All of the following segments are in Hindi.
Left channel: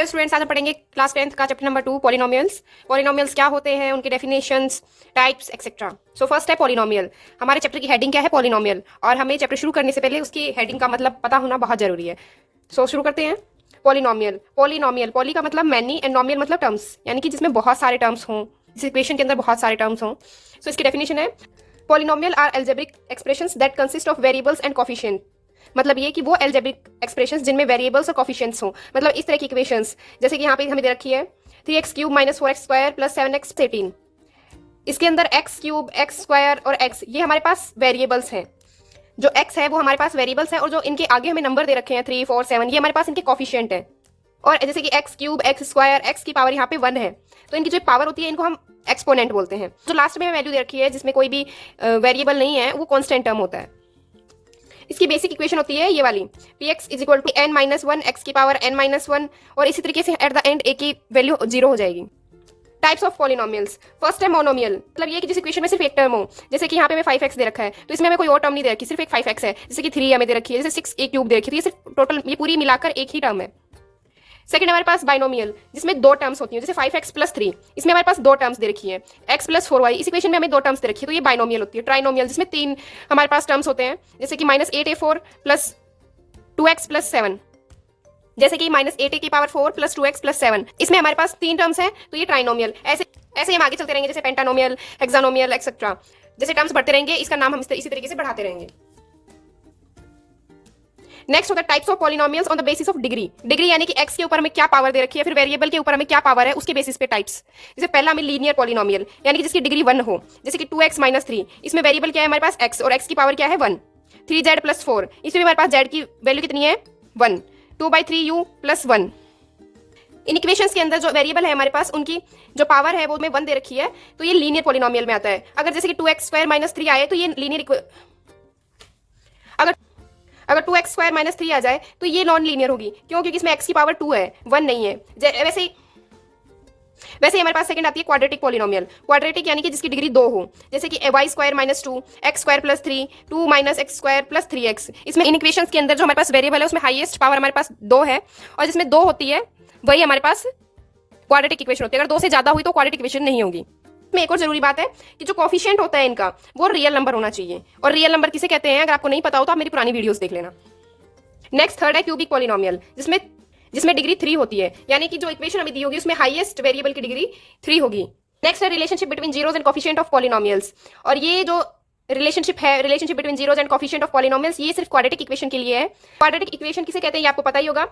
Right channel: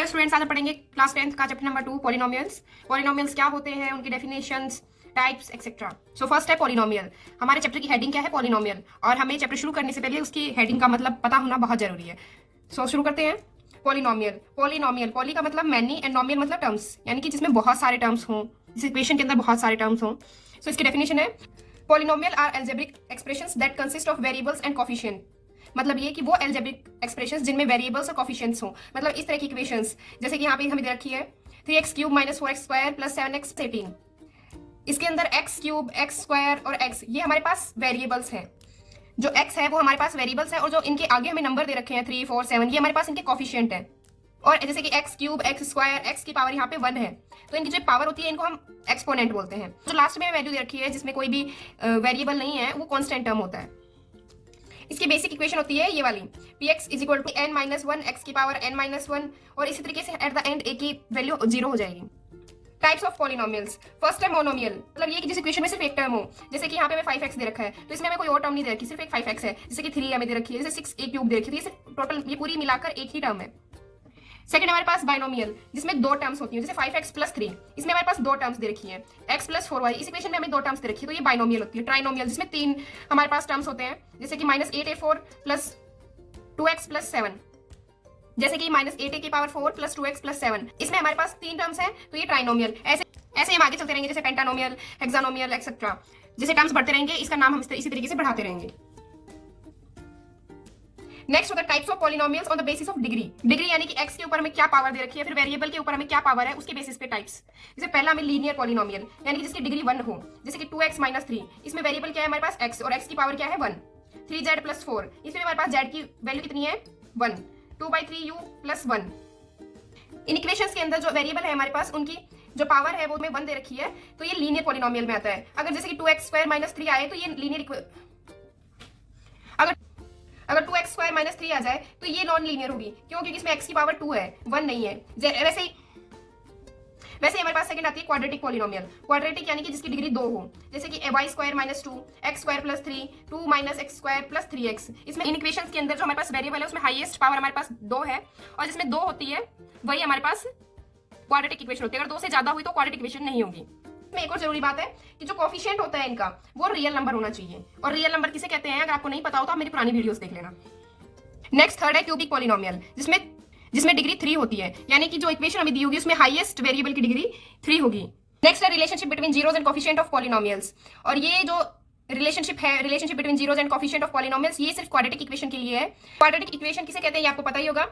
हेलो स्टूडेंट्स, आज हम पढ़ेंगे क्लास 10th का चैप्टर नंबर 2 पॉलिनोमियल्स। पॉलिनोमियल्स क्या होते हैं, उनके definitions, types etcetera. So first है पॉलिनोमियल। हमारे चैप्टर की हेडिंग क्या है? पॉलिनोमियल। और हमें चैप्टर शुरू करने से पहले उसकी हेडिंग का मतलब पता होना बहुत जरूरी है। सो शुरू करते हैं। पॉलिनोमियल। पॉलिनोमियल, पॉली का मतलब मैनी एंड नोमियल मतलब टर्म्स, यानी कि जिसमें बहुत सारे टर्म्स हों, इस इक्वेशन के अंदर बहुत सारे टर्म्स हों। सो इसकी डेफिनेशन है polynomial are algebraic expressions that consist of variables and coefficient. मतलब ये कि वो एल्जेब्रिक एक्सप्रेशंस जिनमें वेरिएबल्स और कोफिशिएंट्स हो, मतलब इस तरह की इक्वेशंस जैसे कि यहाँ पे हमें दे रखी है 3x³ - 4x² + 7x 18। इसके अंदर x³ x² और x ये हमारे पास वेरिएबल्स हैं। जो x है वो हमारे पास वेरिएबल्स है, और जो इनके आगे हमें नंबर दे रखे हैं 3 4 7 ये हमारे पास इनके कोफिशिएंट है। और जैसे कि x³ x² x की पावर यहाँ पे 1 है, तो इनकी जो पावर होती है इनको हम एक्सपोनेंट बोलते हैं। जो लास्ट में वैल्यू दे रखी है जिसमें कोई भी वेरिएबल नहीं है वो कांस्टेंट टर्म होता है। इसकी बेसिक इक्वेशन होती है ये वाली px = n - 1 x की पावर n - 1, और इसी तरीके से एट द एंड a की वैल्यू 0 हो जाएगी। Types of polynomials. फर्स्ट है मोनोमियल, मतलब ये कि जिस इक्वेशन में सिर्फ एक टर्म हो, जैसे कि यहाँ पे हमें 5x दे रखा है तो इसमें हमें कोई और टर्म नहीं दे रखी, सिर्फ एक 5x है। जैसे कि 3 हमें दे रखी है, जैसे 6a³ दे रखी है, तो ये सिर्फ टोटल ये पूरी मिलाकर एक ही टर्म है। सेकंड हमारे पास बाइनोमियल, जिसमें दो टर्म्स होती हैं, जैसे 5x + 3 इसमें हमारे पास दो टर्म्स दे रखी है, x + 4y इस इक्वेशन में हमें दो टर्म्स दे रखी है, तो ये बाइनोमियल होती है। ट्राइनोमियल, जिसमें तीन हमारे पास टर्म्स होते हैं, जैसे कि -8a4 + 2x + 7, जैसे कि -8a की पावर 4 + 2x + 7 इसमें हमारे पास तीन टर्म्स हैं, तो ये ट्राइनोमियल। ऐसे ऐसे हम आगे चलते रहेंगे, जैसे पेंटानोमियल, हेक्सानोमियल एक्सेट्रा। जैसे टर्म्स बढ़ते रहेंगे इसका नाम हम इसी तरीके से बढ़ाते रहेंगे। नेक्स्ट होता है types of polynomials on the basis of degree. Degree यानी कि x के ऊपर हमें क्या पावर दे रखी है, फिर वेरिएबल के ऊपर हमें क्या पावर है, उसके बेसिस पे टाइप्स। जैसे पहला हमें लीनियर पॉलिनोमियल, यानी कि जिसकी डिग्री 1 हो, जैसे कि 2x - 3 इसमें वेरिएबल क्या है हमारे पास x, और x की पावर क्या है 1। 3z + 4 इसमें हमारे पास z की वैल्यू कितनी है 1। 2/3u + 1। इन इक्वेशंस के अंदर जो वेरिएबल है हमारे पास उनकी जो पावर है वो हमें 1 दे रखी है, तो ये लीनियर पॉलिनोमियल में आता है। अगर जैसे कि 2x² - 3 आए तो ये लीनियर, अगर 2x² - 3 आ जाए तो ये नॉन लीनियर होगी। क्यों? क्योंकि इसमें x की पावर 2 है, 1 नहीं है। वैसे ही हमारे पास सेकंड आती है क्वाड्रेटिक पॉलिनोमियल। क्वाड्रेटिक यानी कि जिसकी डिग्री 2 हो, जैसे कि y² - 2 x² + 3 2 - x² + 3x। इसमें इन इक्वेशंस के अंदर जो हमारे पास वेरिएबल है उसमें हाईएस्ट पावर हमारे पास 2 है, और जिसमें 2 होती है वही हमारे पास क्वाड्रेटिक इक्वेशन होती है। अगर 2 से ज्यादा हुई तो क्वाड्रेटिक इक्वेशन नहीं होगी। में एक और जरूरी बात है कि जो कोफिशिएंट होता है इनका वो रियल नंबर होना चाहिए, और रियल नंबर किसे कहते हैं अगर आपको नहीं पता हो तो आप मेरी पुरानी वीडियोस देख लेना। नेक्स्ट थर्ड है क्यूबिक पॉलिनोमियल, जिसमें डिग्री 3 होती है, यानी कि जो इक्वेशन हमें दी होगी उसमें हाईएस्ट वेरिएबल की डिग्री 3 होगी। नेक्स्ट है relationship between zeros and coefficient of polynomials, और ये जो relationship between zeros and coefficient of polynomials ये सिर्फ क्वाड्रेटिक इक्वेशन के लिए है। क्वाड्रेटिक इक्वेशन किसे कहते हैं ये आपको पता ही होगा,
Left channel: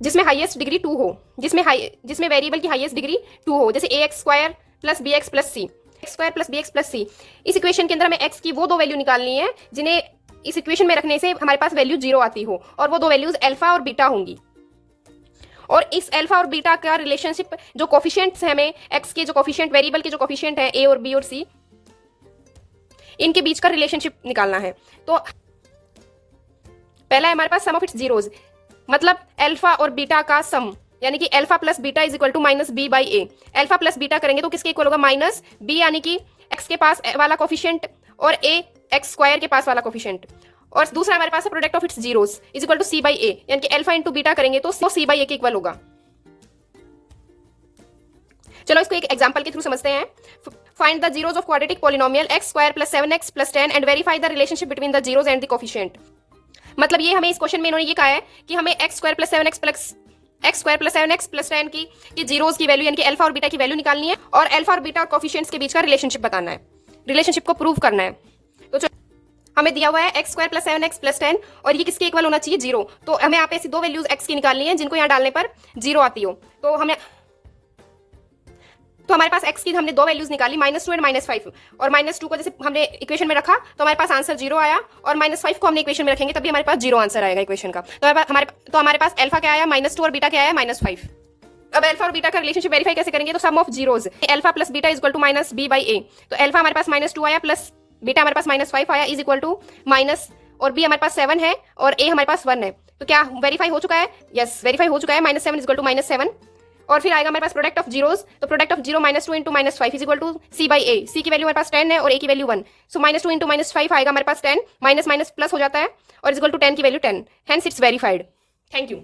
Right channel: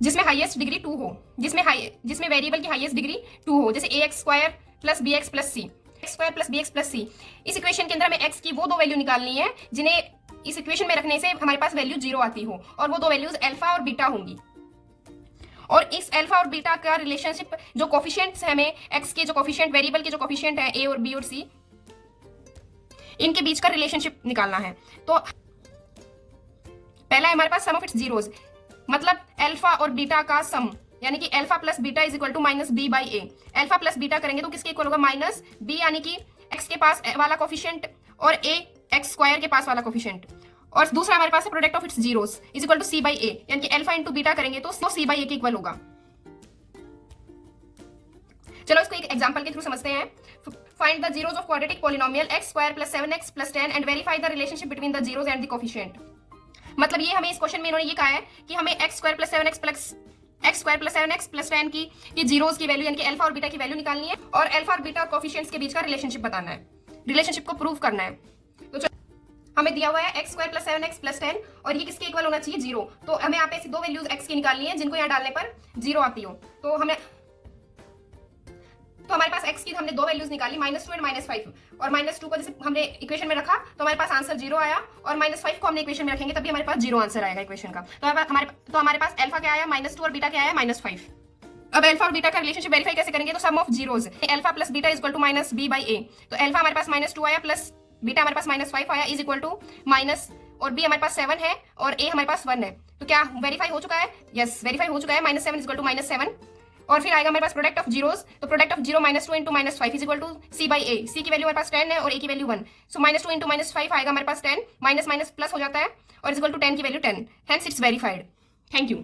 जिसमें हाईएस्ट डिग्री 2 हो, जिसमें वेरिएबल की हाईएस्ट डिग्री 2 हो, जैसे ax² + bx + c, x² + bx + c। इस इक्वेशन के अंदर हमें x की वो दो वैल्यू निकालनी है जिन्हें इस इक्वेशन में रखने से हमारे पास वैल्यू 0 आती हो, और वो दो वैल्यूज अल्फा और बीटा होंगी। और इस अल्फा और बीटा का रिलेशनशिप जो कोफिशिएंट्स है हमें x के जो कोफिशिएंट वेरिएबल के जो कोफिशिएंट है a और b और c इनके बीच का रिलेशनशिप निकालना है। तो पहला है हमारे पास सम ऑफ इट्स जीरोस, मतलब अल्फा और बीटा का सम, यानी कि alpha + beta = -b/a। Alpha + beta करेंगे तो किसके इक्वल होगा -b, यानी कि x के पास वाला कोफिशिएंट और a x² के पास वाला कोफिशिएंट। और दूसरा हमारे पास है product of its zeros = c/a, यानी कि अल्फा × बीटा करेंगे तो c/a के इक्वल होगा। चलो इसको एक एग्जांपल के थ्रू समझते हैं। Find the zeros of quadratic polynomial x² + 7x + 10 and verify the relationship between the zeros and the coefficient. मतलब ये हमें इस क्वेश्चन में इन्होंने ये कहा है कि हमें x² + 7x + 10 की जीरोस की वैल्यू यानी कि अल्फा और बीटा की वैल्यू निकालनी है, और अल्फा और बीटा कोफिशिएंट्स के बीच का रिलेशनशिप बताना है, रिलेशनशिप को प्रूव करना है। तो हमें दिया हुआ है x² + 7x + 10, और ये किसके इक्वल होना चाहिए 0। तो हमें यहाँ पे ऐसी दो वैल्यूज x की निकालनी है जिनको यहाँ डालने पर 0 आती हो। तो हमारे पास x की हमने दो वैल्यूज निकाली, -2 और -5, और -2 को जैसे हमने इक्वेशन में रखा तो हमारे पास आंसर 0 आया, और -5 को हमने इक्वेशन में रखेंगे तभी हमारे पास 0 आंसर आएगा इक्वेशन का। तो हमारे पास अल्फा क्या आया -2 और बीटा क्या आया -5। अब अल्फा और बीटा का रिलेशनशिप वेरीफाई कैसे करेंगे, तो sum of zeros alpha + beta = -b/a। तो अल्फा हमारे पास -2 आया प्लस बीटा हमारे पास -5 आया = और b हमारे पास 7 है और a हमारे पास 1 है। तो क्या वेरीफाई हो चुका है? यस, वेरीफाई हो चुका है। -7 = -7, और फिर आएगा हमारे पास प्रोडक्ट ऑफ जीरोस, तो प्रोडक्ट ऑफ 0 -2 × -5 = c/a। c की वैल्यू हमारे पास 10 है और a की वैल्यू 1, सो -2 × -5 आएगा हमारे पास 10, माइनस माइनस प्लस हो जाता है, और = 10 की value 10, hence it's verified. Thank you.